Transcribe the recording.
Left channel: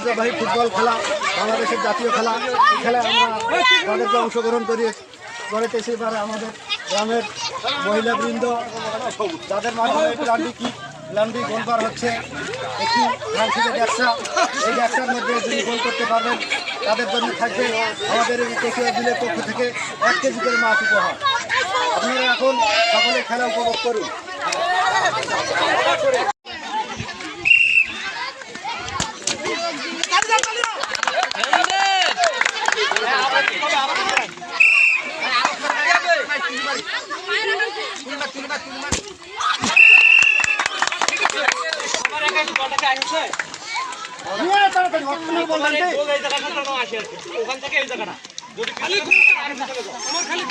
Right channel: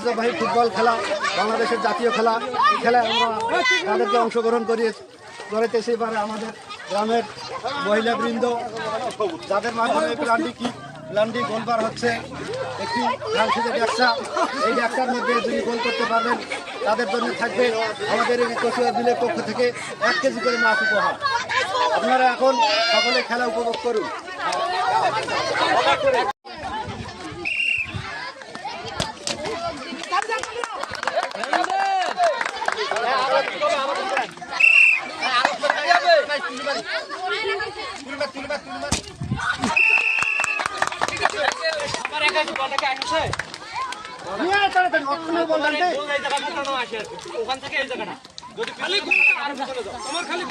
ঐতিহ্যবাহী ফুটবল খেলা, বাংলাদেশের জাতীয় খেলা। এই খেলায় আমরা তাদেরকে অংশগ্রহণ করেতেছি। এবারে আমাদের গ্রামের মহিলাবৃন্দ, যাদের মাধ্যমে প্ল্যান্ডি গোলবার হচ্ছে একটি ফ্রান্সিসের ব্যবসা। এই ব্যবসার মধ্যে যিনি গোল করতে পারবেন তাদের জন্য থাকবে আমাদের এই কেশিয়া বিলের পক্ষ থেকে 1 কেজি করে মাছ উপহার। আপনারা এখন সকলে খেলা উপভোগ করুন। ওখান থেকে এই জায়গাটা যদি খালি আমার খালি